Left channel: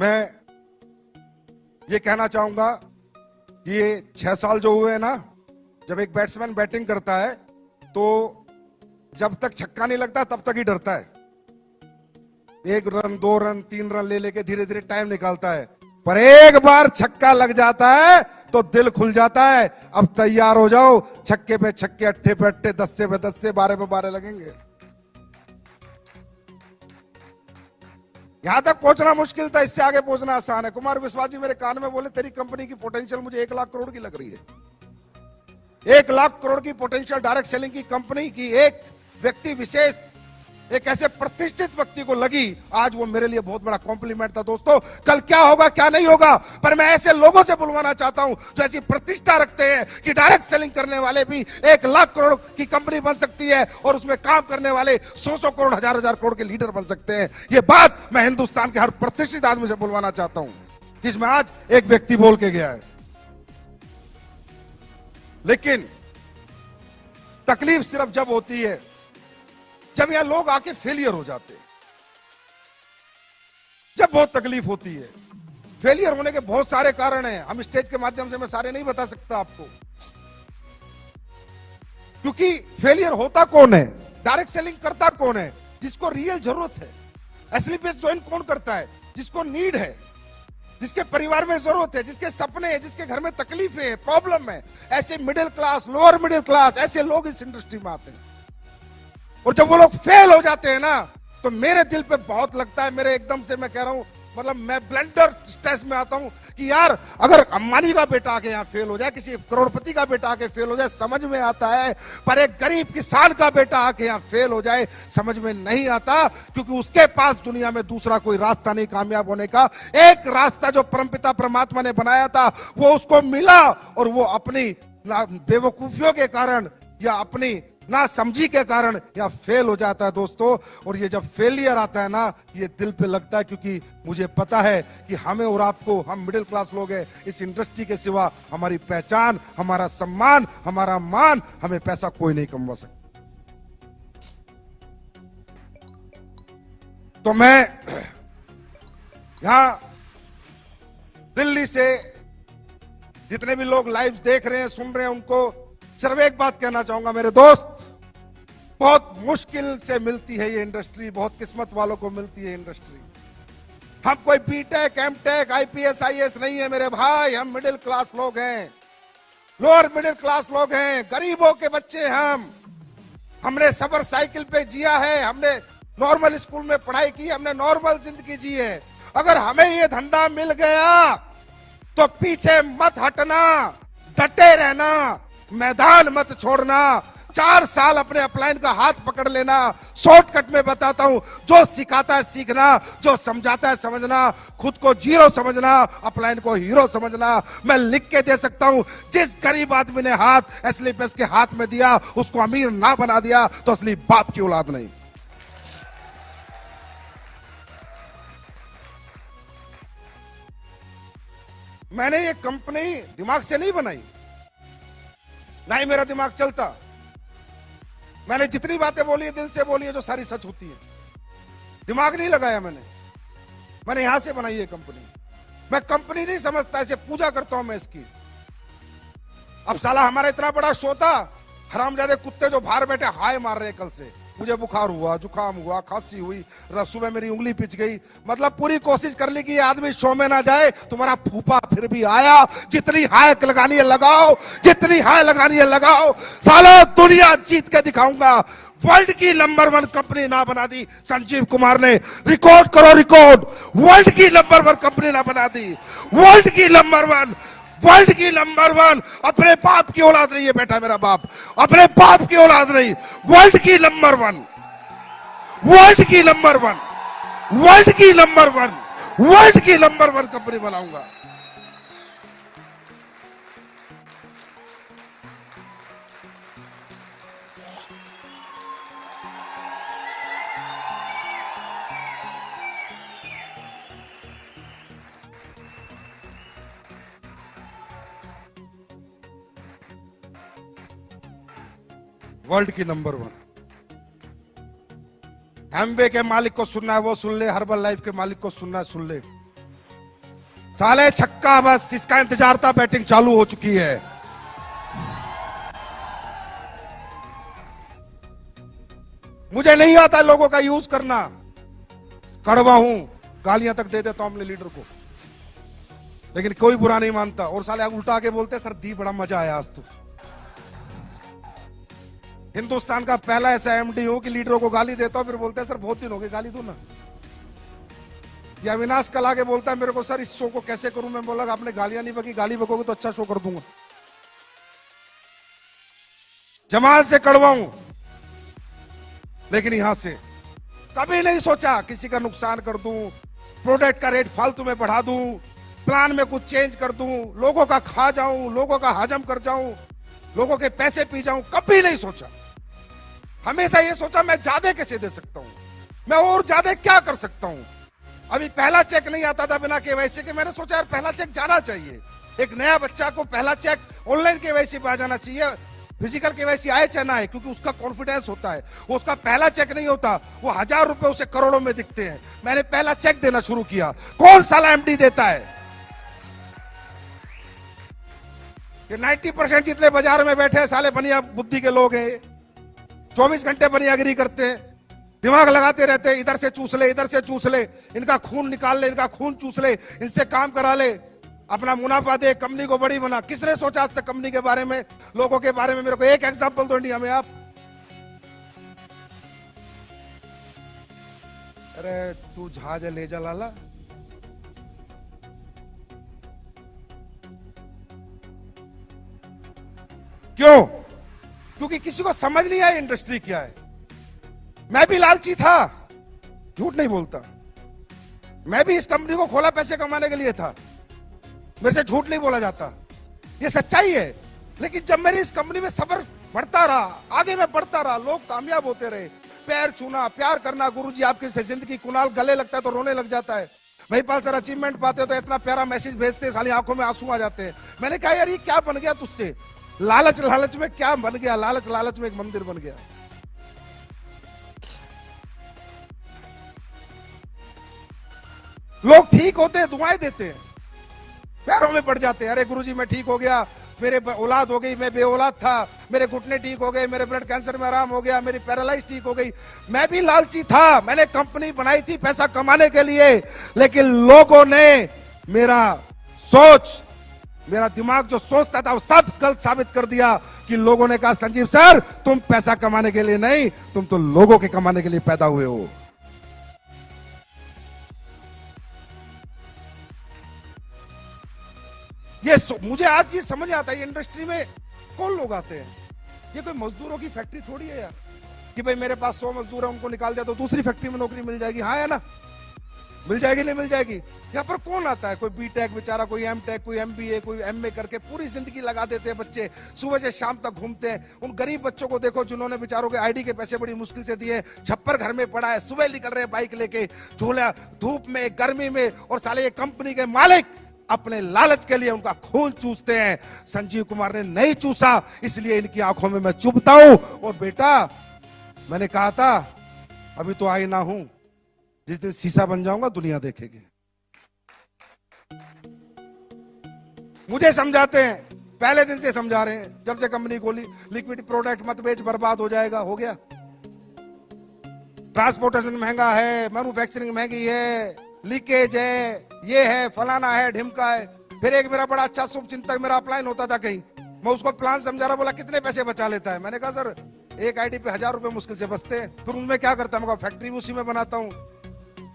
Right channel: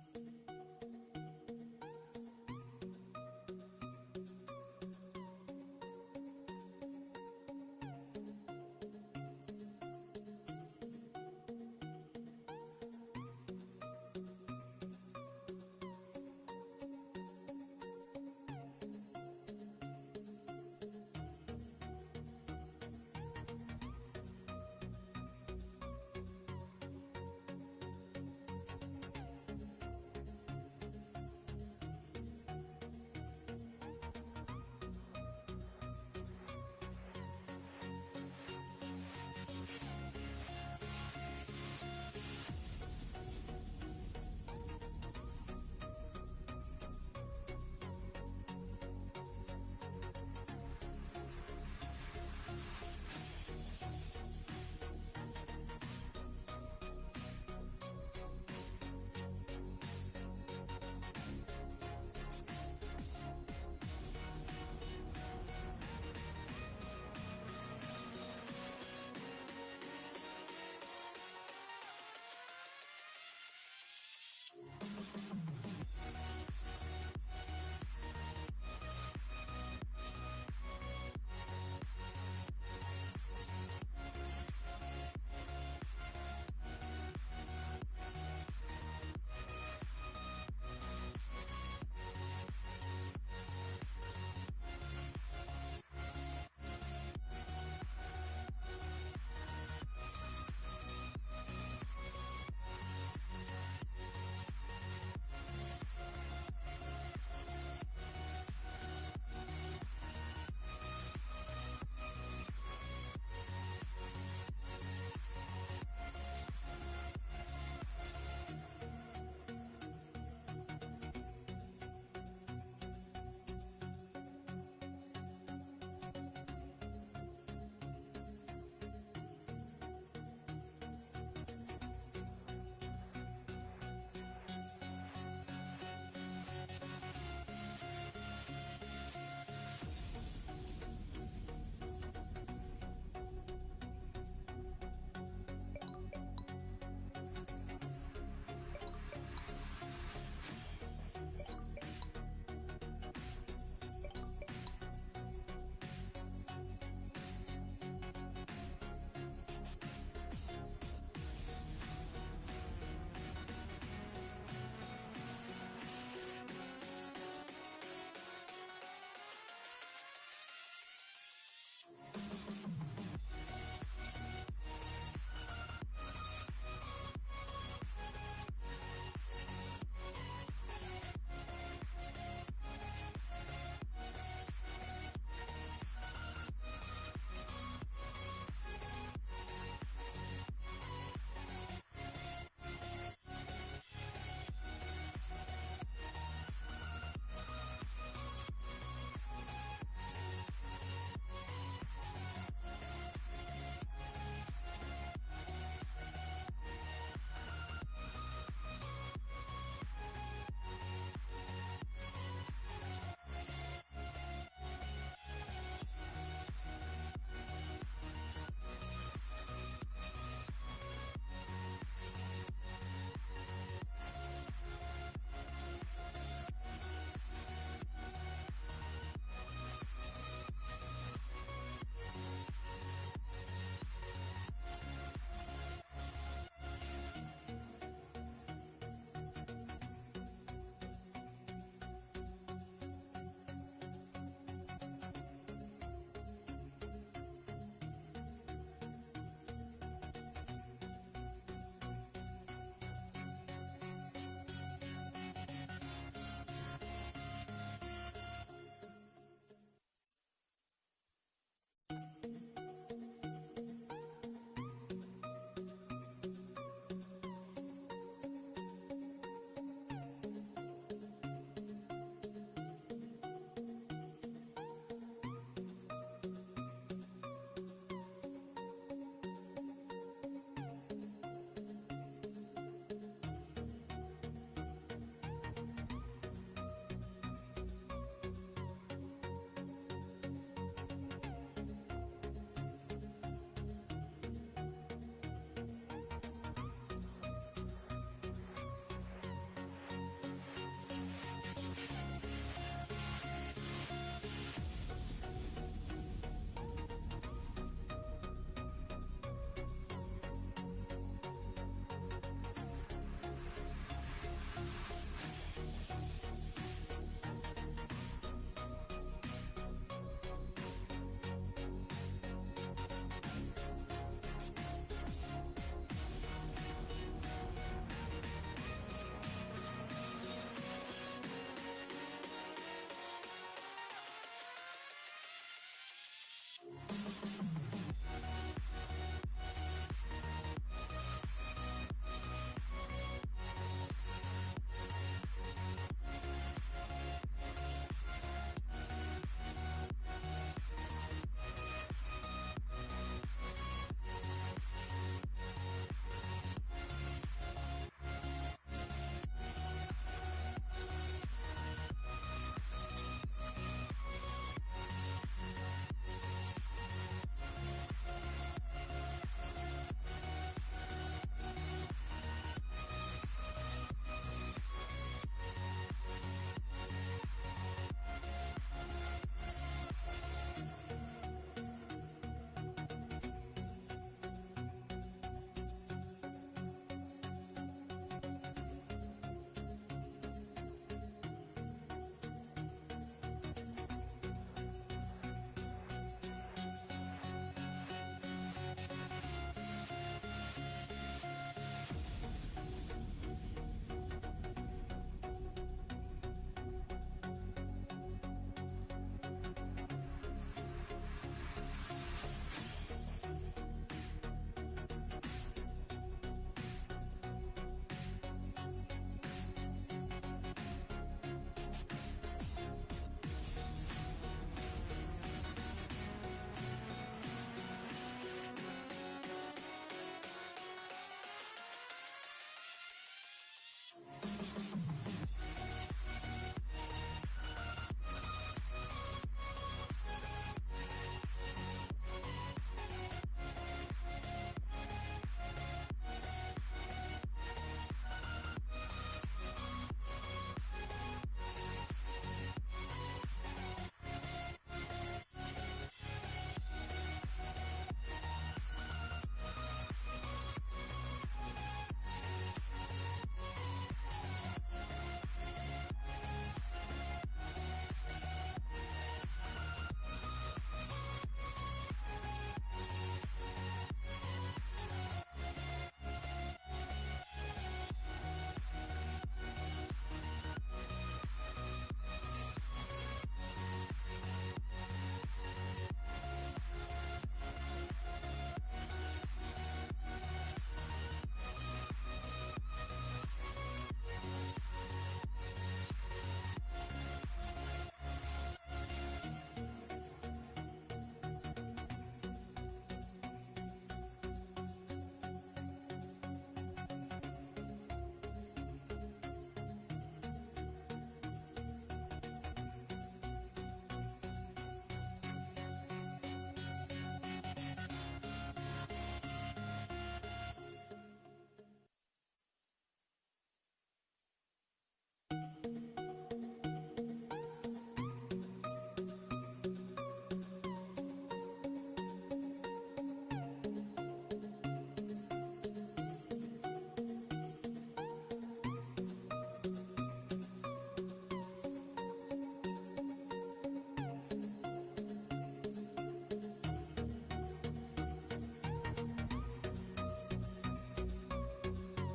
मैं ये कहना चाहूंगा कि ये 6 साल जो हुए हैं ना, जब एक बैट्समैन बैटिंग करता है तो जब तक छक्का नहीं लगता तब तक ही डरता है। 1 रन 2 रन 3 रन ले लेके धीरे धीरे टाइम निकालता है, पर एक बार छक्का लग जाता है तो दिल खुल जाता है। अब तैयार हो जाओ, छक्के पे छक्के, अट्ठे पे अट्ठे, 10 पे 10, 12 पे 12 लगेंगे। यहां तक पहुंचना मुश्किल था, इससे आगे पहुंचना आसान है। कुमार विश्वास जी मेरे कान में बोले, तेरी कंपनी की पोटेंशियल मुझे 1 लाख करोड़ की लग रही है। 1 लाख करोड़ की पोटेंशियल डायरेक्ट सेलिंग की कंपनी की एक व्यक्ति विशेष, एक ऐसे प्रतिष्ठित व्यक्ति को लगी। आज वो मेरे लिए बहुत बड़ा कॉम्प्लीमेंट था। दोस्तों, कल क्या होगा क्या नहीं होगा, पर मैं ऐसे लोगों से बुलवाना चाहता हूं जो ऐसी प्रतिष्ठा रखते हैं कि डायरेक्ट सेलिंग करने वाले भी 1 लाख करोड़ की कंपनी बन सकती है और उसमें काम करने वाले 100 करोड़, 1000 करोड़ के लीडर बन सकते हैं। ये बात मैं हिंदुस्तान के हर प्रतिष्ठित आदमी से बुलवाना चाहता हूं, जिसमें आज एक व्यक्ति बोल के गया है। लेकिन तकलीफ सिर्फ जब होती है जब यहां लोग आके फेलियर हो जाते हैं, जब बहुत तकलीफ होती है। फेलियर होने के बहुत सारे कारण हैं, हम स्टेज के माध्यम से मैं सारे नहीं बता सकता आपको, क्योंकि फेलियर होता कौन है, डायरेक्ट सेलिंग करता कौन है, जिसको रियल जरूरत है। असली बेस ज्वाइन कौन करता है, जिसको नीड है, जिसके परिवार में जरूरत है, जिसके सपने हैं, जिसके घर में तकलीफें हैं, प्रॉब्लम है। ऐसे middle class, lower middle class, ऐसे लोग इस इंडस्ट्री में आते हैं। और जब वो लोग फेल हो जाते हैं ना, तो मेरे दिल पे बहुत लगता है। मेरे एकदम से मैं कह रहा हूं, मतलब मैं ब्लेंडर स्ट्रेस में आता हूं कि यार, अगर अंबानी का बेटा आके यहाँ फेल हो जाए, किसी करोड़पति का बेटा आके फेल हो जाए, समझ में आता है, पर एक गरीब किसान का बेटा आके यहाँ फेल हो जाए, समझ में नहीं आता। क्योंकि उसके पास दुनिया में दूसरा कोई रास्ता नहीं कामयाब होने का। एक रास्ता जो परमपिता परमात्मा ने बनाया था वो उसको मिला, और वो अपनी बेवकूफियों के कारण या अपनी ना समझी के कारण या फेल हो जाता है दोस्तों। और ये जब फेलियर आता है ना, ये दिल पे लगता है, क्योंकि मुझे पता है कि हमें और आपको, हम मिडिल क्लास लोग हैं, इस इंडस्ट्री के सिवा हमारी पहचान, हमारा सम्मान, हमारा मान, हमें पैसा कोई नहीं कमवा सकता। तो मैं यहां दिल्ली से जितने भी लोग लाइव देख रहे हैं, सुन रहे हैं, उनको सिर्फ एक बात कहना चाहूंगा, मेरे दोस्त, बहुत मुश्किल से मिलती है ये इंडस्ट्री, बहुत किस्मत वालों को मिलती है इंडस्ट्री। हम कोई बीटेक, एमटेक, आईपीएस, आईएएस नहीं है मेरे भाई, हम मिडिल क्लास लोग हैं, लोअर मिडिल क्लास लोग हैं, गरीबों के बच्चे हम। हमने सबर साइकिल पे जिया है, हमने नॉर्मल स्कूल में पढ़ाई की, हमने नॉर्मल जिंदगी जी है। अगर हमें ये धंधा मिल गया तो पीछे मत हटना, डटे रहना, मैदान मत छोड़ना। 4 साल अपने अपलाइन का हाथ पकड़ लेना। शॉर्टकट में बताता हूं, जो सिखाता है सीखना, जो समझाता है समझना, खुद को जीरो समझना, अपलाइन को हीरो समझना। मैं लिख के दे सकता हूं, जिस गरीब आदमी ने हाथ असली पेस के हाथ में दिया, उसको अमीर ना बना दिया तो असली बाप की औलाद नहीं। मैंने ये कंपनी दिमाग से नहीं बनाई, ना ही मेरा दिमाग चलता। मैंने जितनी बातें बोली है, दिल से बोली है, जो सारी सच होती है। दिमाग नहीं लगाया मैंने यहां से बनाई है कंपनी। मैं कंपनी नहीं समझता, ऐसे पूजा करता हूं मैं इसकी। अब साला हमारा इतना बड़ा शो था, हरामजादे कुत्ते जो बाहर बैठे हाय मार रहे हैं कल से। मुझे बुखार हुआ, जुकाम हुआ, खांसी हुई, सुबह मेरी उंगली पिच गई। मतलब पूरी कोशिश कर ली कि ये आदमी शो में ना जाए। तुम्हारा फूफा फिर भी आया। जितनी हाय लगानी है लगाओ, जितनी हाय लगानी है लगाओ, साला दुनिया जीत के दिखाऊंगा। वर्ल्ड की नंबर 1 कंपनी ना बना दी संजीव कुमार ने। रिकॉर्ड करो रिकॉर्ड, वर्ल्ड की नंबर 1 कंपनी ना बना दी, वर्ल्ड की नंबर 1, वर्ल्ड की नंबर 1। अपने बाप की औलाद नहीं है बेटा, मेरा बाप अपने बाप की औलाद नहीं। वर्ल्ड की नंबर 1, वर्ल्ड की नंबर 1, वर्ल्ड की नंबर 1, वर्ल्ड की नंबर 1 कंपनी बनाऊंगा। वर्ल्ड की नंबर 1। एमवे के मालिक को सुनना है वो सुन ले, हर्बल लाइफ के मालिक को सुनना है सुन ले। साले छक्का, बस इसका इंतजार था, बैटिंग चालू हो चुकी है। मुझे नहीं आता लोगों का यूज करना, कड़वा हूं, गालियां तक दे देता हूं अपने लीडर को, लेकिन कोई बुरा नहीं मानता। और साले उल्टा के बोलते सर दी बड़ा मजा आया आज तो। हिंदुस्तान का पहला ऐसा एमडी हूं कि लीडरों को गाली देता हूं, फिर बोलते हैं सर बहुत दिन हो गए गाली दो ना। या अविनाश कल आके बोलता है मेरे को सर इस शो को कैसे करूं, मैं बोला आपने गालियां नहीं बकी, गाली बकोगे तो अच्छा शो कर दूंगा। जमात से कड़वा हूं, लेकिन यहां से कभी नहीं सोचा किसी का नुकसान कर दूं, प्रोडक्ट का रेट फालतू में बढ़ा दूं, प्लान में कुछ चेंज कर दूं, लोगों का खा जाऊं, लोगों का हजम कर जाऊं, लोगों के पैसे पी जाऊं, कभी नहीं सोचा। हमेशा ये सोचा मैं ज्यादा कैसे दे सकता हूं, मैं और ज्यादा क्या कर सकता हूं। अभी पहला चेक नहीं आता था बिना केवाईसी के, मैंने सोचा यार पहला चेक जाना चाहिए। एक नया बच्चा को पहला चेक ऑनलाइन केवाईसी पे आ जाना चाहिए, फिजिकल केवाईसी आए चाहे ना आए, क्योंकि उसका कॉन्फिडेंस होता है। वो उसका पहला चेक नहीं होता, वो 1000 रुपए उसे करोड़ों में दिखते हैं। मैंने पहला चेक देना शुरू किया। कौन साला एमडी देता है? ये 90% जितने बाजार में बैठे हैं साले बनिया बुद्धि के लोग हैं। 24 घंटे बनियागिरी करते हैं, दिमाग लगाते रहते हैं, इधर से चूस ले, इधर से चूस ले, इनका खून निकाल ले, इनका खून चूस ले, इनसे काम करा ले, अपना मुनाफा दे, कंपनी को बड़ी बना। किसने सोचा आज तक कंपनी के बारे में, लोगों के बारे में? मेरे को एक एग्जांपल दो इंडिया में आप। अरे तू जहाज ले जा लाला, क्यों? क्योंकि किसी को समझ नहीं आया इंडस्ट्री क्या है। मैं भी लालची था, झूठ नहीं बोलता, मैं भी इस कंपनी को खोला पैसे कमाने के लिए था, मेरे से झूठ नहीं बोला जाता, ये सच्चाई है। लेकिन जब मेरी इस कंपनी में सफर बढ़ता रहा, आगे मैं बढ़ता रहा, लोग कामयाब होते रहे, पैर छूना, प्यार करना, गुरुजी आपकी जिंदगी, कुणाल गले लगता है तो रोने लग जाता है, महिपाल सर अचीवमेंट पाते हो तो इतना प्यारा मैसेज भेजते हैं, साली आंखों में आंसू आ जाते हैं। मैंने कहा यार ये क्या बन गया तुझसे, लालच लालच में क्या बन गया, लालच लालच में एक मंदिर बन गया। लोग ठीक होते हैं, दुआएं देते हैं, पैरों में पड़ जाते हैं, अरे गुरुजी मैं ठीक हो गया, मेरे औलाद हो गई, मैं बेऔलाद था, मेरे घुटने ठीक हो गए, मेरे ब्लड कैंसर में आराम हो गया, मेरी पैरालाइज ठीक हो गई। मैं भी लालची था, मैंने कंपनी बनाई थी पैसा कमाने के लिए, लेकिन लोगों ने मेरा सोच, मेरा दिमाग जो सोचता था वो सब गलत साबित कर दिया। कि लोगों ने कहा संजीव सर तुम पैसा कमाने के लिए नहीं, तुम तो लोगों के कमाने के लिए पैदा हुए हो। ये मुझे आज ये समझ आता है इंडस्ट्री में कौन लोग आते हैं। ये कोई मजदूरों की फैक्ट्री थोड़ी है यार कि भाई मेरे पास 100 मजदूर है, उनको निकाल दिया तो दूसरी फैक्ट्री में नौकरी मिल जाएगी। हाँ है ना, मिल जाएगी नहीं मिल जाएगी। यहाँ पर कौन आता है, कोई बीटेक बेचारा, कोई एमटेक, कोई एमबीए, कोई एमए करके पूरी जिंदगी लगा देते हैं बच्चे, सुबह से शाम तक घूमते हैं। उन गरीब बच्चों को देखो जिन्होंने बेचारों के आईडी के पैसे बड़ी मुश्किल से दिए, छप्पर घर में पड़ा है, सुबह निकल रहे हैं बाइक लेके, झूला धूप में गर्मी में, और साले ये कंपनी के मालिक अपने लालच के लिए उनका खून चूसते हैं। संजीव कुमार ने नहीं चूसा, इसलिए इनकी आंखों में मैं चुभता हूं। और बेटा मैंने कहा था अभी तो आई ना हूं, जिस दिन शीशा बन जाऊंगा दुनिया देखेगी। मुझे समझाते हैं, पहले दिन से समझा रहे हैं, जब से कंपनी खोली, लिक्विड प्रोडक्ट मत बेच, बर्बाद हो जाएगा। हो गया, ट्रांसपोर्टेशन महंगा है, मैन्युफैक्चरिंग महंगी है, लीकेज है, ये है, फलाना है, ढिमका है। फिर एक मेरा बड़ा अच्छा शुभ चिंतक मेरा अपलाइन होता था कहीं, मैं उसको प्लान समझा रहा, बोला कितने पैसे बचा लेता है। मैंने कहा सर एक आईडी पे 1000 रुपए मुश्किल से बचते हैं। फिर उनमें क्या करता है, मैं फैक्ट्री उसी में बनाता हूँ,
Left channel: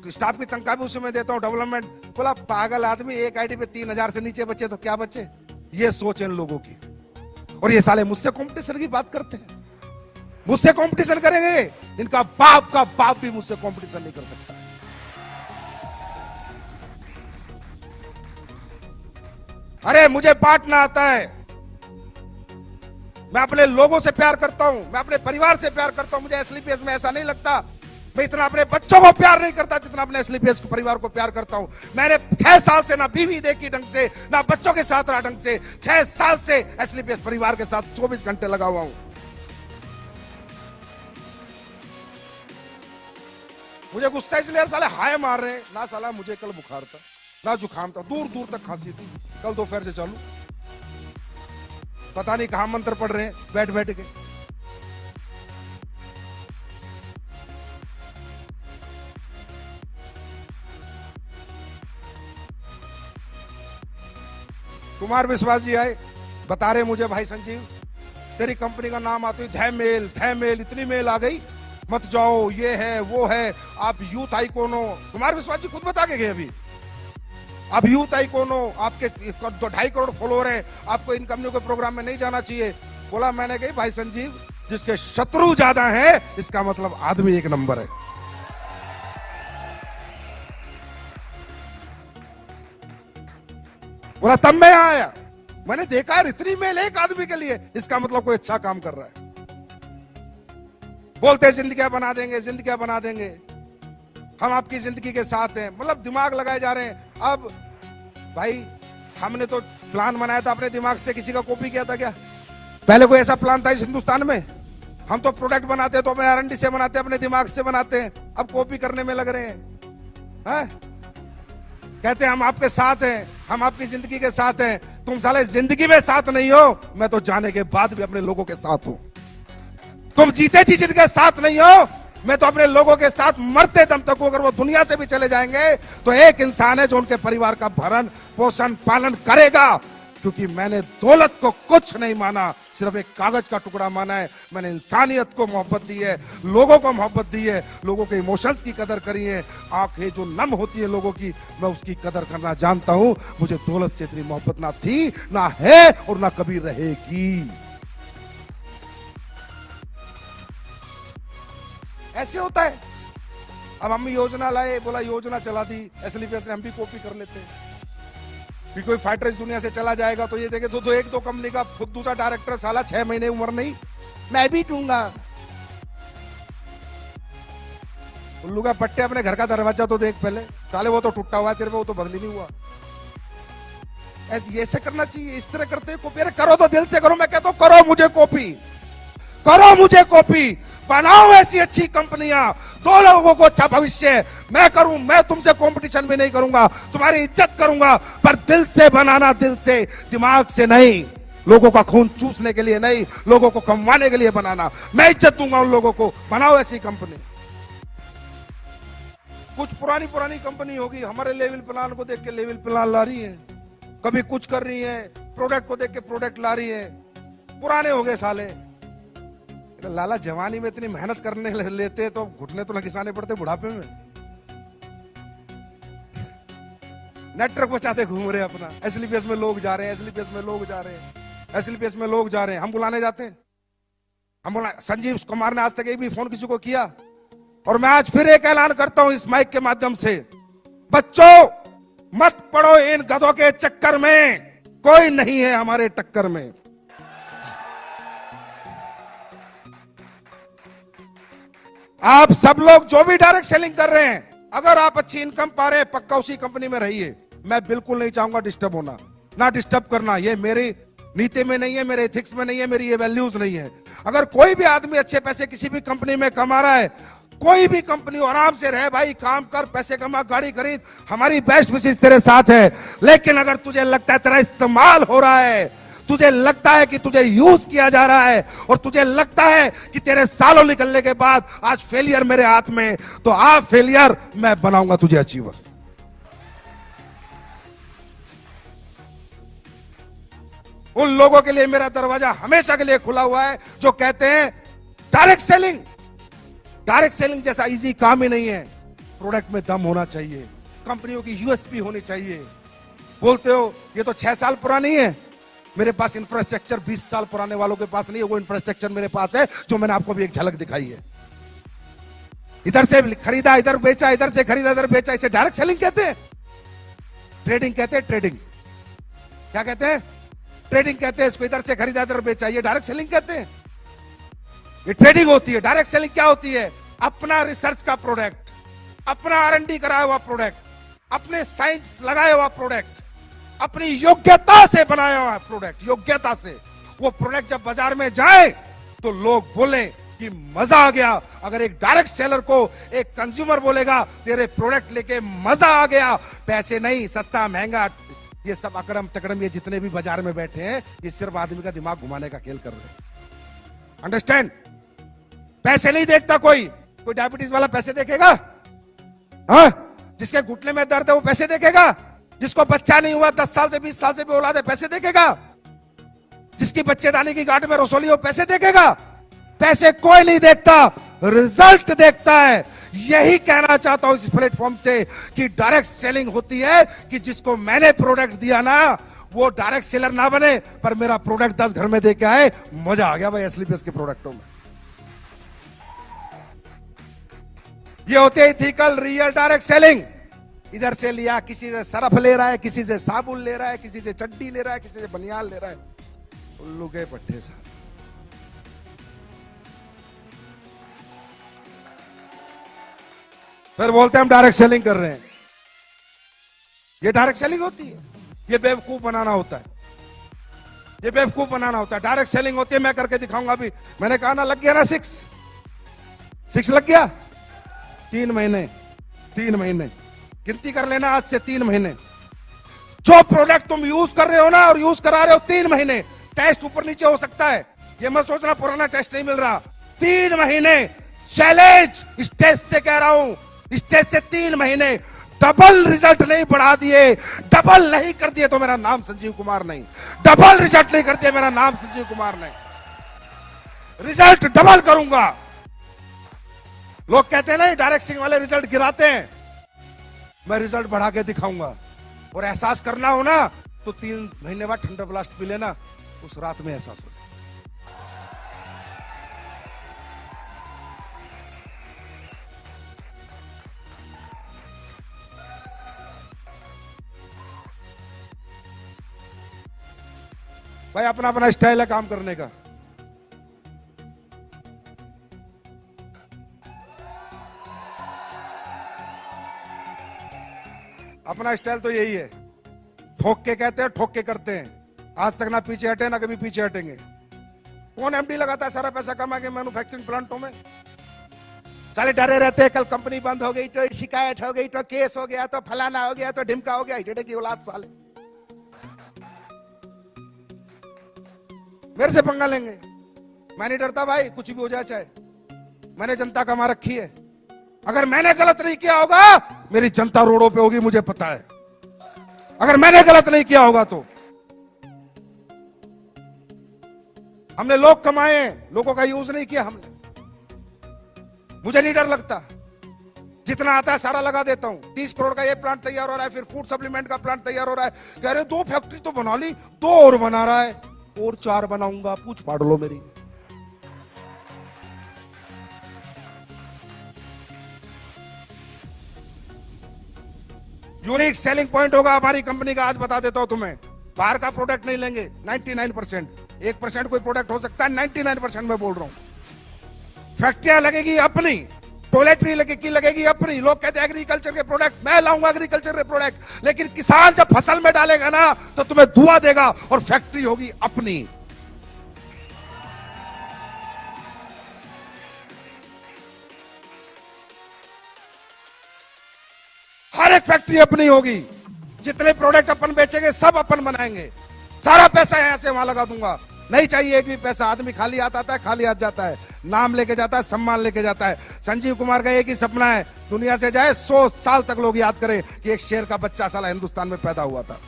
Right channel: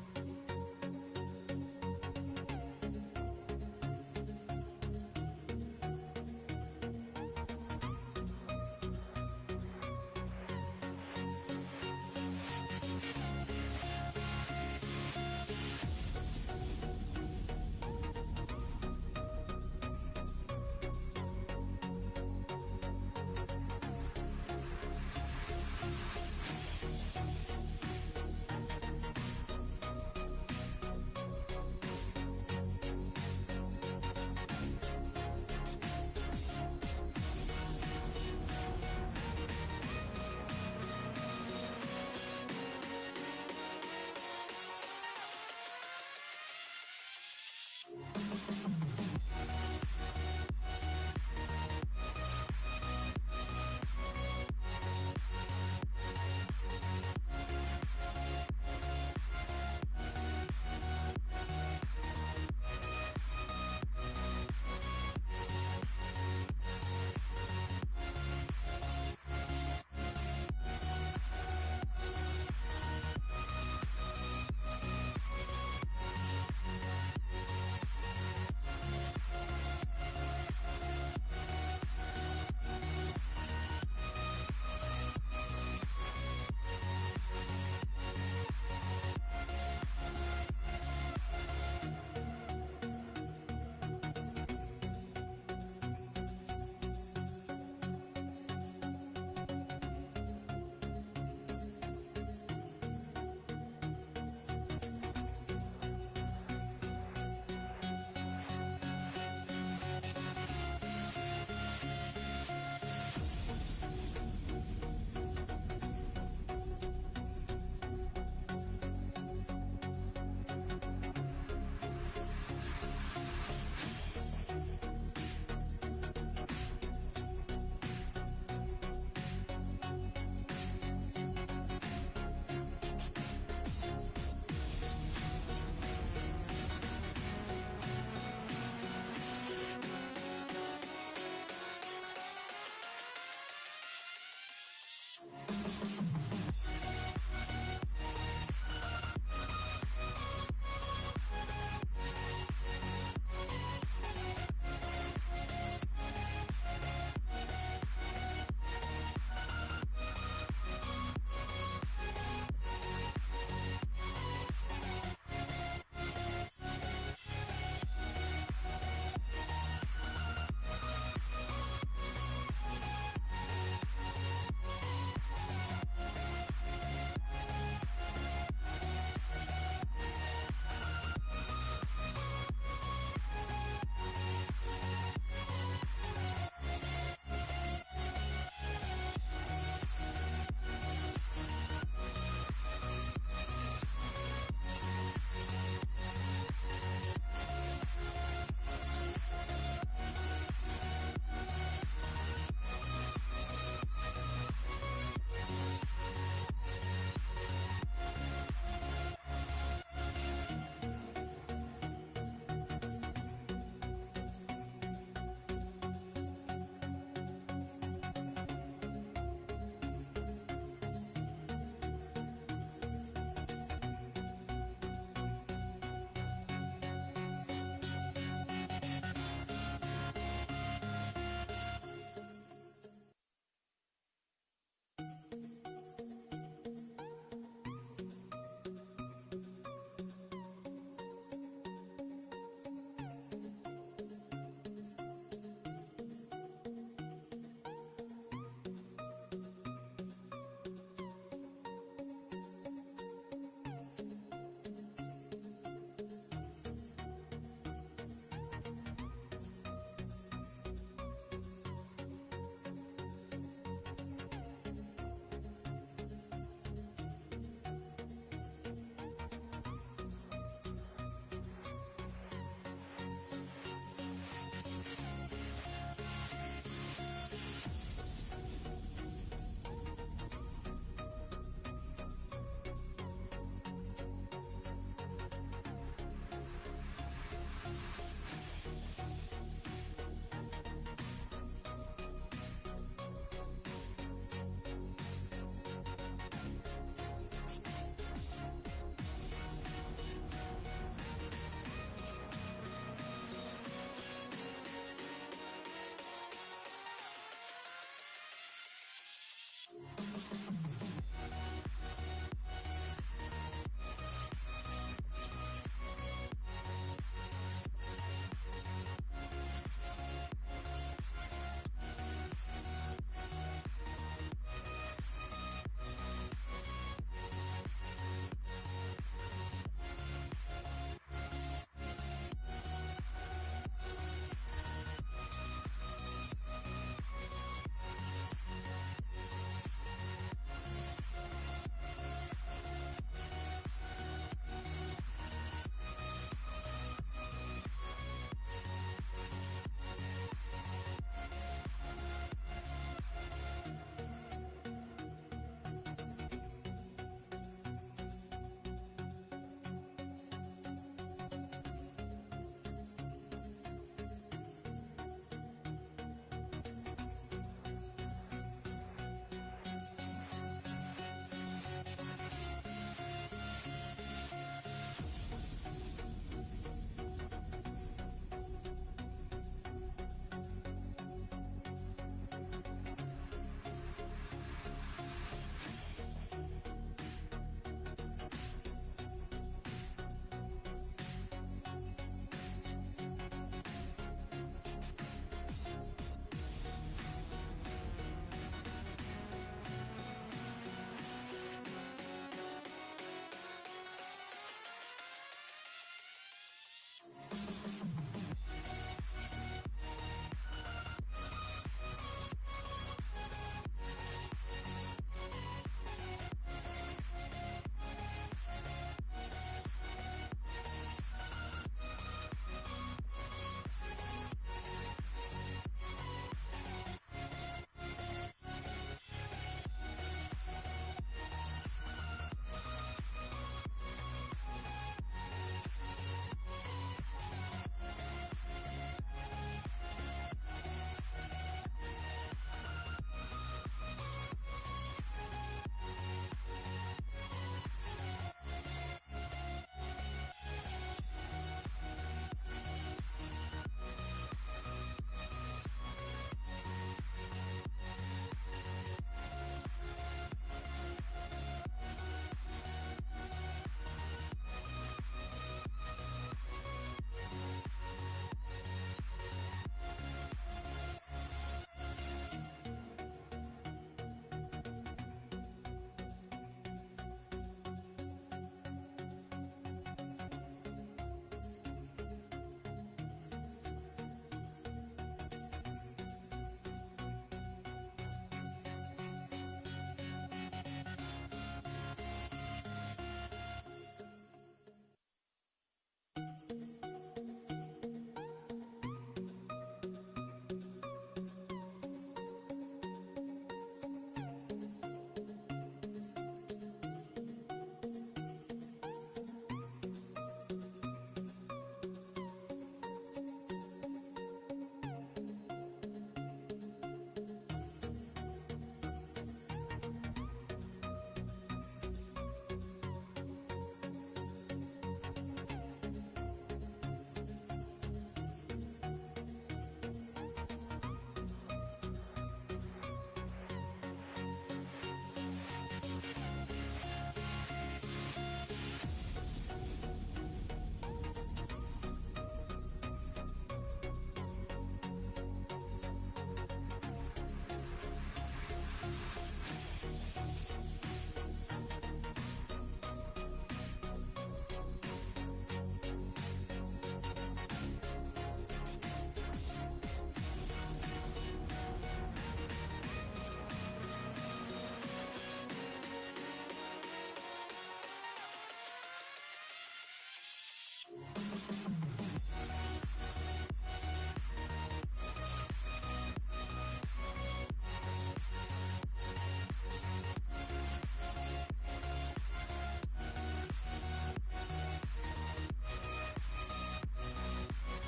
स्टाफ की तनख्वाह भी उसी में देता हूँ, डेवलपमेंट। बोला पागल आदमी, एक आईडी पे 3000 से नीचे बचे तो क्या बचे। ये सोच है इन लोगों की। और ये साले मुझसे कंपटीशन की बात करते हैं, मुझसे कंपटीशन करेंगे, इनका बाप का बाप भी मुझसे कंपटीशन नहीं कर सकता। अरे मुझे बांटना आता है, मैं अपने लोगों से प्यार करता हूं, मैं अपने परिवार से प्यार करता हूं। मुझे एसलीपीएस में ऐसा नहीं लगता मैं इतना अपने बच्चों को प्यार नहीं करता जितना अपने एसलीपीएस के परिवार को प्यार करता हूं। मैंने 6 साल से ना बीवी देखी ढंग से, ना बच्चों के साथ रहा ढंग से। 6 साल से एसलीपीएस परिवार के साथ 24 घंटे लगा हुआ हूं। मुझे गुस्सा इसलिए साले हाय मार रहे हैं ना, साला मुझे कल बुखार था, ना जुकाम था, दूर दूर तक खांसी थी। कल दोपहर से चालू, पता नहीं कहां मंत्र पढ़ रहे हैं बैठ बैठ के। कुमार विश्वास जी आए, बता रहे मुझे, भाई संजीव तेरी कंपनी का नाम आते ही मेल इतनी मेल आ गई, मत जाओ, ये है वो है, आप यूथ आइकॉन हो। कुमार विश्वास जी खुद बता के गए अभी, आप यूथ आइकॉन हो, आपके 2.5 करोड़ फॉलोअर है, आपको इन कंपनियों के प्रोग्राम में नहीं जाना चाहिए। बोला मैंने कही भाई संजीव, जिसके शत्रु ज्यादा है इसका मतलब आदमी एक नंबर है। बोला तब मैं यहां आया, मैंने देखा है इतनी मेल एक आदमी के लिए, इसका मतलब कोई अच्छा काम कर रहा है। बोलते जिंदगियां बना देंगे, जिंदगियां बना देंगे, हम आपकी जिंदगी के साथ हैं, मतलब दिमाग लगाए जा रहे हैं। अब भाई हमने तो प्लान बनाया था अपने दिमाग से, किसी का कॉपी किया था क्या? पहले कोई ऐसा प्लान था इस हिंदुस्तान में? हम तो प्रोडक्ट बनाते तो अपने R&D से बनाते, अपने दिमाग से बनाते हैं, अब कॉपी करने में लग रहे हैं। कहते हैं हम आपके साथ हैं, हम आपकी जिंदगी के साथ हैं। तुम साले जिंदगी में साथ नहीं हो, मैं तो जाने के बाद भी अपने लोगों के साथ हूं। तुम जीते जी जिनके साथ नहीं हो, मैं तो अपने लोगों के साथ मरते दम तक हूं। अगर वो दुनिया से भी चले जाएंगे तो एक इंसान है जो उनके परिवार का भरण पोषण पालन करेगा, क्योंकि मैंने दौलत को कुछ नहीं माना, सिर्फ एक कागज का टुकड़ा माना है। मैंने इंसानियत को मोहब्बत दी है, लोगों को मोहब्बत दी है, लोगों के इमोशंस की कदर करी है। आंखें जो नम होती है लोगों की, मैं उसकी कदर करना जानता हूं। मुझे दौलत से इतनी मोहब्बत ना थी, ना है और ना कभी रहेगी। ऐसे होता है। अब हम योजना लाए, बोला योजना चला दी, SLPS ने, हम भी कॉपी कर लेते हैं। फिर कोई फाइटर इस दुनिया से चला जाएगा तो ये देखे तो एक दो कंपनी का खुद दूसरा डायरेक्टर साला 6 महीने उम्र नहीं, मैं भी दूंगा। उल्लू का पट्टे, अपने घर का दरवाजा तो देख पहले, साले वो तो टूटा हुआ है तेरे पे, वो तो बदली नहीं हुआ। ऐसे करना चाहिए, इस तरह करते कॉपी। अरे करो तो दिल से करो, मैं कहता हूं करो मुझे कॉपी, करो मुझे कॉपी, बनाओ ऐसी अच्छी कंपनियां, दो लोगों को अच्छा भविष्य। मैं करूं, मैं तुमसे कंपटीशन भी नहीं करूंगा, तुम्हारी इज्जत करूंगा, पर दिल से बनाना, दिल से, दिमाग से नहीं। लोगों का खून चूसने के लिए नहीं, लोगों को कमवाने के लिए बनाना। मैं इज्जत दूंगा उन लोगों को, बनाओ ऐसी कंपनी। कुछ पुरानी कंपनी होगी, हमारे लेवल प्लान को देख के लेवल प्लान ला रही है, कभी कुछ कर रही है, प्रोडक्ट को देख के प्रोडक्ट ला रही है। पुराने हो गए साले। लाला जवानी में इतनी मेहनत करने लेते तो घुटने तो न घिसाने पड़ते बुढ़ापे में। नेटवर्क बचाते घूम रहे अपना, SLPS में लोग जा रहे हैं, SLPS में लोग जा रहे हैं, SLPS में लोग जा रहे हैं। हम बुलाने जाते हैं, हम बोला संजीव कुमार ने आज तक एक भी फोन किसी को किया। और मैं आज फिर एक ऐलान करता हूं इस माइक के माध्यम से, बच्चों मत पड़ो इन गधों के चक्कर में, कोई नहीं है हमारे टक्कर में। आप सब लोग जो भी डायरेक्ट सेलिंग कर रहे हैं, अगर आप अच्छी इनकम पा रहे हैं, पक्का उसी कंपनी में रहिए। मैं बिल्कुल नहीं चाहूंगा डिस्टर्ब होना, ना डिस्टर्ब करना, ये मेरी नीति में नहीं है, मेरे एथिक्स में नहीं है, मेरी ये वैल्यूज नहीं है। अगर कोई भी आदमी अच्छे पैसे किसी भी कंपनी में कमा रहा है, कोई भी कंपनी, आराम से रहे भाई, काम कर, पैसे कमा, गाड़ी खरीद, हमारी बेस्ट विशेष तेरे साथ है। लेकिन अगर तुझे लगता है तेरा इस्तेमाल हो रहा है, तुझे लगता है कि तुझे यूज किया जा रहा है, और तुझे लगता है कि तेरे सालों निकलने के बाद आज फेलियर मेरे हाथ में, तो आप फेलियर, मैं बनाऊंगा तुझे अचीवर। उन लोगों के लिए मेरा दरवाजा हमेशा के लिए खुला हुआ है जो कहते हैं डायरेक्ट सेलिंग जैसा इजी काम ही नहीं है। प्रोडक्ट में दम होना चाहिए, कंपनियों की USP होनी चाहिए। बोलते हो ये तो 6 साल पुरानी है, मेरे पास इंफ्रास्ट्रक्चर 20 साल पुराने वालों के पास नहीं है, वो इंफ्रास्ट्रक्चर मेरे पास है, जो मैंने आपको भी एक झलक दिखाई है। इधर से खरीदा, इधर बेचा, इधर से खरीदा, इधर बेचा, इसे डायरेक्ट सेलिंग कहते हैं। ट्रेडिंग कहते हैं, ट्रेडिंग। क्या कहते हैं? ट्रेडिंग कहते हैं इसको। इधर से खरीदा, इधर बेचा, ये डायरेक्ट सेलिंग कहते हैं। ये ट्रेडिंग होती है। डायरेक्ट सेलिंग क्या होती है? अपना रिसर्च का प्रोडक्ट, अपना R&D कराया हुआ प्रोडक्ट, अपने साइंस लगाया हुआ प्रोडक्ट, अपनी योग्यता से बनाया हुआ प्रोडक्ट, योग्यता से। वो प्रोडक्ट जब बाजार में जाए तो लोग बोले कि मजा आ गया। अगर एक डायरेक्ट सेलर को एक कंज्यूमर बोलेगा तेरे प्रोडक्ट लेके मजा आ गया, पैसे नहीं, सस्ता महंगा, ये सब अकड़म तकड़म, ये जितने भी बाजार में बैठे हैं, ये सिर्फ आदमी का दिमाग घुमाने का खेल कर रहे हैं। अंडरस्टैंड? पैसे नहीं देखता कोई डायबिटीज वाला पैसे देखेगा? हाँ? जिसके घुटने में दर्द है वो पैसे देखेगा? जिसको बच्चा नहीं हुआ 10 साल से 20 साल से भी औलाद है पैसे देखेगा? जिसकी बच्चेदानी की गांठ में रसोली हो पैसे देखेगा? पैसे कोई नहीं देखता, रिजल्ट देखता है। यही कहना चाहता हूं इस प्लेटफॉर्म से कि डायरेक्ट सेलिंग होती है कि जिसको मैंने प्रोडक्ट दिया ना वो डायरेक्ट सेलर ना बने, पर मेरा प्रोडक्ट 10 घर में दे के आए, मजा आ गया भाई एसलीपीएस के प्रोडक्टों में। ये होते है इथिकल रियल डायरेक्ट सेलिंग। इधर से लिया, किसी से सरफ ले रहा है, किसी से साबुन ले रहा है, किसी से चड्डी ले रहा है, किसी से बनियान ले रहा है, उल्लू के पट्टे से। फिर बोलते हैं हम डायरेक्ट सेलिंग कर रहे हैं। ये डायरेक्ट सेलिंग होती है? ये बेवकूफ बनाना होता है, ये बेवकूफ बनाना होता है। डायरेक्ट सेलिंग होती है, मैं करके दिखाऊंगा। अभी मैंने कहा ना, लग गया ना 6 लग गया। 3 महीने गिनती कर लेना, आज से 3 महीने। जो प्रोडक्ट तुम यूज कर रहे हो ना और यूज करा रहे हो 3 महीने, टेस्ट ऊपर नीचे हो सकता है, ये मत सोचना पुराना टेस्ट नहीं मिल रहा। 3 महीने चैलेंज, स्टेज से कह रहा हूं, स्टेज से 3 महीने डबल रिजल्ट नहीं बढ़ा दिए, डबल नहीं कर दिए तो मेरा नाम संजीव कुमार नहीं। डबल रिजल्ट नहीं कर दिया, मेरा नाम संजीव कुमार नहीं। रिजल्ट डबल करूंगा। लोग कहते हैं नहीं डायरेक्ट सेलिंग वाले रिजल्ट गिराते हैं, मैं रिजल्ट बढ़ा के दिखाऊंगा। और एहसास करना हो ना तो 3 महीने बाद ठंडा ब्लास्ट पी लेना, उस रात में एहसास हो। भाई अपना अपना स्टाइल है काम करने का। अपना स्टाइल तो यही है, ठोक के कहते हैं, ठोक के करते हैं। आज तक ना पीछे हटे ना कभी पीछे हटेंगे। कौन एमडी लगाता है सारा पैसा कमा के मैन्युफैक्चरिंग प्लांटों में? साले डरे रहते हैं, कल कंपनी बंद हो गई तो शिकायत हो गई तो केस हो गया तो फलाना हो गया तो ढिमका हो गया। हिजड़े की औलाद साले मेरे से पंगा लेंगे। मैं नहीं डरता भाई, कुछ भी हो जाए चाहे। मैंने जनता कमा रखी है। अगर मैंने गलत नहीं किया होगा मेरी जनता रोडों पे होगी, मुझे पता है। अगर मैंने गलत नहीं किया होगा तो हमने लोग कमाए, लोगों का यूज नहीं किया हमने। मुझे नहीं डर लगता, जितना आता है सारा लगा देता हूं। 30 करोड़ का ये प्लांट तैयार हो रहा है, फिर फूड सप्लीमेंट का प्लांट तैयार हो रहा है। कह रहे 2 फैक्ट्री तो बना ली, 2 और बना रहा है, और 4 बनाऊंगा, पूछ फाड़ लो मेरी। यूनिक सेलिंग पॉइंट होगा हमारी कंपनी का, आज बता देता हूं तुम्हें। बाहर का प्रोडक्ट नहीं लेंगे 99%, 1% कोई प्रोडक्ट हो सकता है, 99% मैं बोल रहा हूं। फैक्ट्रियां लगेगी अपनी, टॉयलेटरी लगेगी अपनी। लोग कहते हैं एग्रीकल्चर के प्रोडक्ट, मैं लाऊंगा एग्रीकल्चर के प्रोडक्ट, लेकिन किसान जब फसल में डालेगा ना तो तुम्हें धुआं देगा, और फैक्ट्री होगी अपनी। हर एक फैक्ट्री अपनी होगी, जितने प्रोडक्ट अपन बेचेंगे सब अपन बनाएंगे। सारा पैसा यहां से वहां लगा दूंगा, नहीं चाहिए एक भी पैसा। आदमी खाली हाथ आता है, खाली हाथ जाता है, नाम लेके जाता है, सम्मान लेके जाता है। संजीव कुमार का एक ही सपना है, दुनिया से जाए 100 साल तक लोग याद करें कि एक शेर का बच्चा साला हिंदुस्तान में पैदा हुआ था।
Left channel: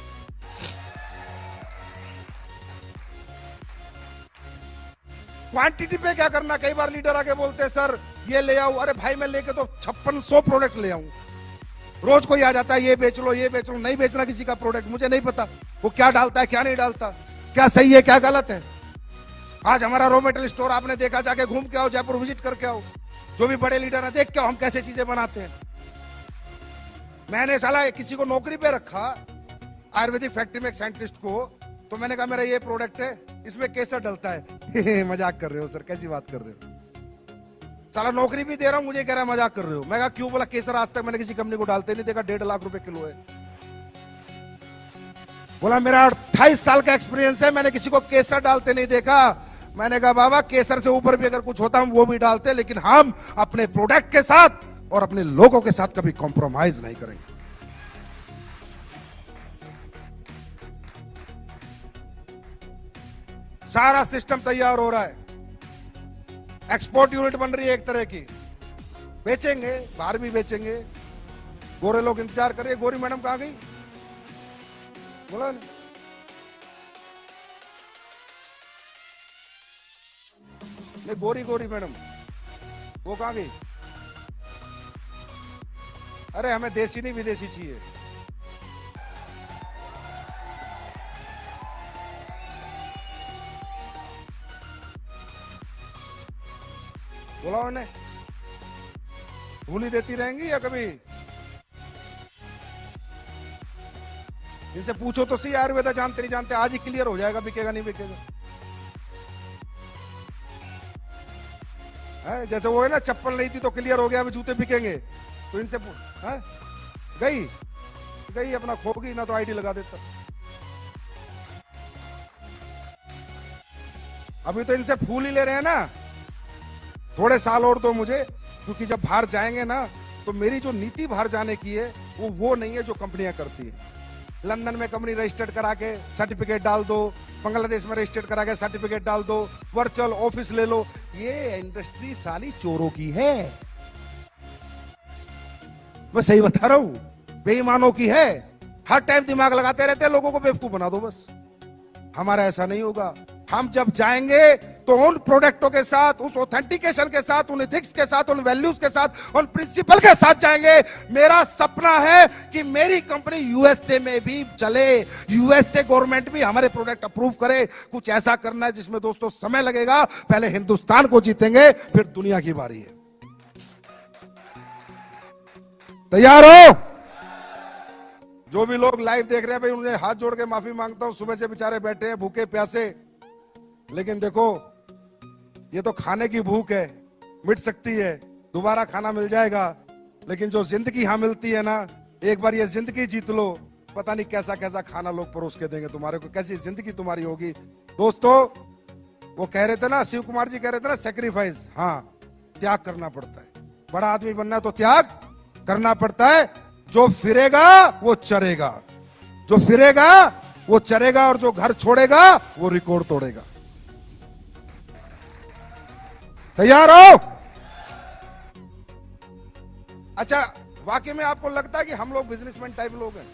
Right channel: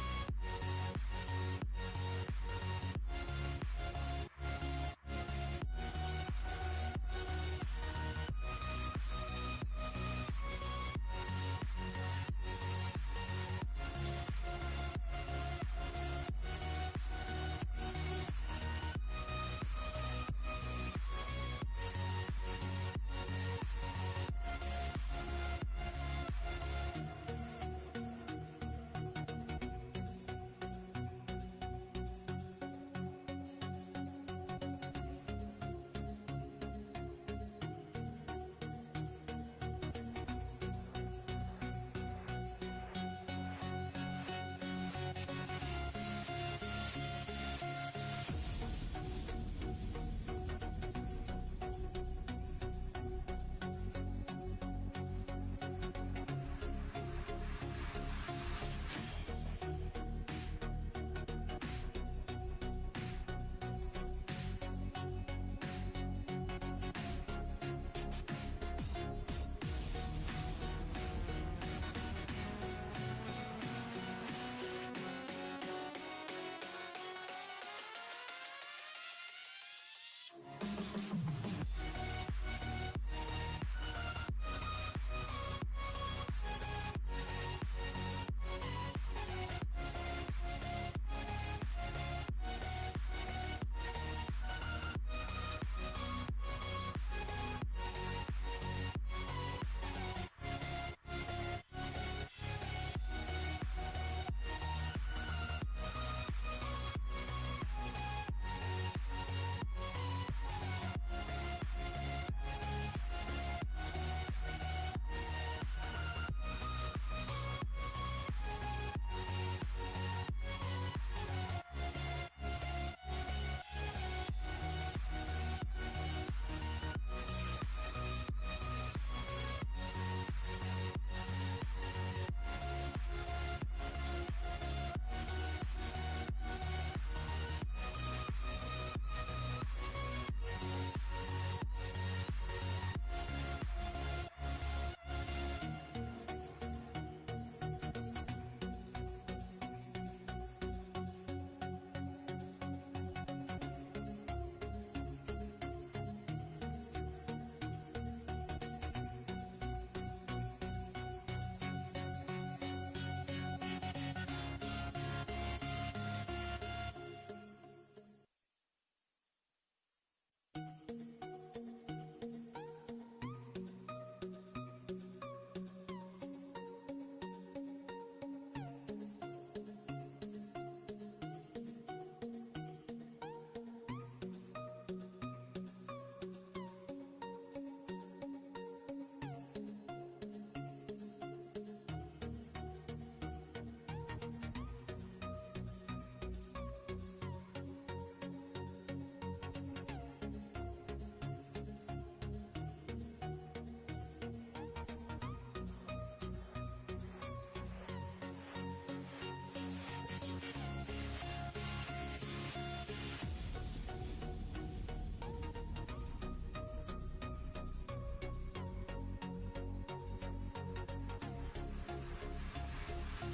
क्वांटिटी पे क्या करना, कई बार लीडर आके बोलते हैं सर ये ले आओ, अरे भाई मैं लेके तो 5600 प्रोडक्ट ले आऊं। रोज कोई आ जाता है ये बेच लो ये बेच लो, नहीं बेचना किसी का प्रोडक्ट, मुझे नहीं पता वो क्या डालता है क्या नहीं डालता, क्या सही है क्या गलत है। आज हमारा रॉ मटेरियल स्टोर आपने देखा, जाके घूम के आओ, जयपुर विजिट करके आओ, जो भी बड़े लीडर है देख के आओ हम कैसे चीजें बनाते हैं। मैंने साला किसी को नौकरी पे रखा आयुर्वेदिक फैक्ट्री में एक साइंटिस्ट को, तो मैंने कहा मेरा ये प्रोडक्ट है, इसमें केसर डलता है। मजाक कर रहे हो सर, कैसी बात कर रहे हो, साला नौकरी भी दे रहा हूं, मुझे कह रहा है मजाक कर रहे हो। मैं कहा क्यों? बोला केसर आज तक मैंने किसी कंपनी को डालते नहीं देखा, 1.5 लाख रुपए किलो है। बोला मेरा 28 साल का एक्सपीरियंस है, मैंने किसी को केसर डालते नहीं देखा। मैंने कहा बाबा केसर से ऊपर भी अगर कुछ होता हम वो भी डालते, लेकिन हम अपने प्रोडक्ट के साथ और अपने लोगों के साथ कभी कॉम्प्रोमाइज नहीं करेंगे। सारा सिस्टम तैयार हो रहा है, एक्सपोर्ट यूनिट बन रही है एक तरह की, बेचेंगे, बाहर भी बेचेंगे। गोरे लोग इंतजार करिए। गोरी मैडम कहां गई? बोला नहीं, गोरी मैडम वो कहां गई? अरे हमें देसी नहीं विदेशी चाहिए। बोला उन्हें, भूली देती रहेंगी या कभी? इनसे पूछो तो सही, आयुर्वेदा जानते नहीं जानते, आज ही क्लियर हो जाएगा बिकेगा नहीं बिकेगा। जैसे वो है ना, चप्पल नहीं थी तो क्लियर हो गया अब जूते बिकेंगे, तो इनसे गई अपना खो गई ना, तो आईडी लगा देता। अभी तो इनसे फूल ही ले रहे हैं ना, थोड़े साल और दो मुझे, क्योंकि जब बाहर जाएंगे ना तो मेरी जो नीति बाहर जाने की है वो नहीं है जो कंपनियां करती है। लंदन में कंपनी रजिस्टर्ड करा के सर्टिफिकेट डाल दो, बांग्लादेश में रजिस्टर्ड करा के सर्टिफिकेट डाल दो, वर्चुअल ऑफिस ले लो। ये इंडस्ट्री साली चोरों की है, मैं सही बता रहा हूं, बेईमानों की है। हर टाइम दिमाग लगाते रहते हैं, लोगों को बेवकूफ बना दो बस। हमारा ऐसा नहीं होगा। हम जब जाएंगे तो उन प्रोडक्टों के साथ, उस ऑथेंटिकेशन के साथ, उन एथिक्स के साथ, उन वैल्यूज के साथ, उन प्रिंसिपल के साथ जाएंगे। मेरा सपना है कि मेरी कंपनी यूएसए में भी चले, यूएसए गवर्नमेंट भी हमारे प्रोडक्ट अप्रूव करे। कुछ ऐसा करना है जिसमें दोस्तों समय लगेगा, पहले हिंदुस्तान को जीतेंगे, फिर दुनिया की बारी है। तैयार हो? जो भी लोग लाइव देख रहे हैं भाई, उन्हें हाथ जोड़ के माफी मांगता हूं, सुबह से बेचारे बैठे हैं भूखे प्यासे। लेकिन देखो, ये तो खाने की भूख है, मिट सकती है, दोबारा खाना मिल जाएगा। लेकिन जो जिंदगी यहां मिलती है ना, एक बार ये जिंदगी जीत लो, पता नहीं कैसा कैसा खाना लोग परोस के देंगे तुम्हारे को, कैसी जिंदगी तुम्हारी होगी। दोस्तों, वो कह रहे थे ना, शिव कुमार जी कह रहे थे ना, सेक्रीफाइस, हाँ, त्याग करना पड़ता है। बड़ा आदमी बनना है तो त्याग करना पड़ता है। जो फिरेगा वो चरेगा, जो फिरेगा वो चरेगा, और जो घर छोड़ेगा वो रिकॉर्ड तोड़ेगा। तैयार हो? अच्छा, वाकई में आपको लगता है कि हम लोग बिजनेसमैन टाइप लोग हैं?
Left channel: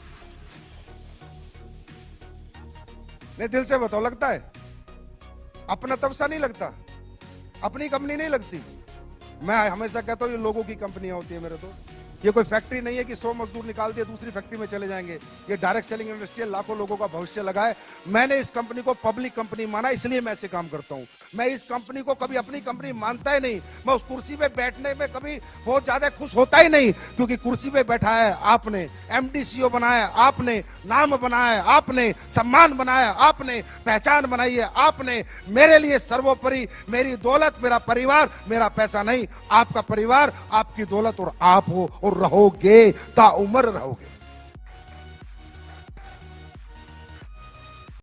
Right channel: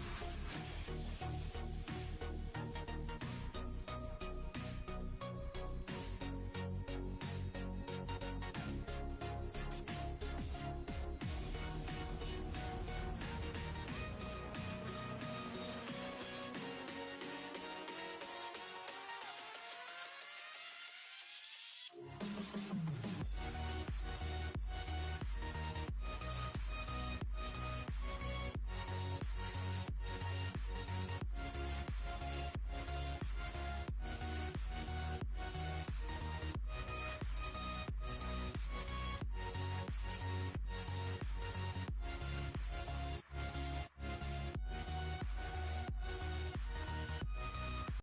नहीं, दिल से बताओ, लगता है? अपना तब सा नहीं लगता, अपनी कंपनी नहीं लगती। मैं हमेशा कहता हूं ये लोगों की कंपनियां होती है मेरे तो। ये कोई फैक्ट्री नहीं है कि 100 मजदूर निकाल दिए दूसरी फैक्ट्री में चले जाएंगे। ये डायरेक्ट सेलिंग इंडस्ट्री है, लाखों लोगों का भविष्य लगा है। मैंने इस कंपनी को पब्लिक कंपनी माना, इसलिए मैं ऐसे काम करता हूं। मैं इस कंपनी को कभी अपनी कंपनी मानता ही नहीं। मैं उस कुर्सी पे बैठने में कभी बहुत ज्यादा खुश होता ही नहीं, क्योंकि कुर्सी पे बैठा है आपने, एमडी सीईओ बनाया आपने, नाम बनाया आपने, सम्मान बनाया आपने, पहचान बनाई है आपने। मेरे लिए सर्वोपरि मेरी दौलत, मेरा परिवार, मेरा पैसा नहीं, आपका परिवार, आपकी दौलत और आप हो, और रहोगे, ताउम्र रहोगे।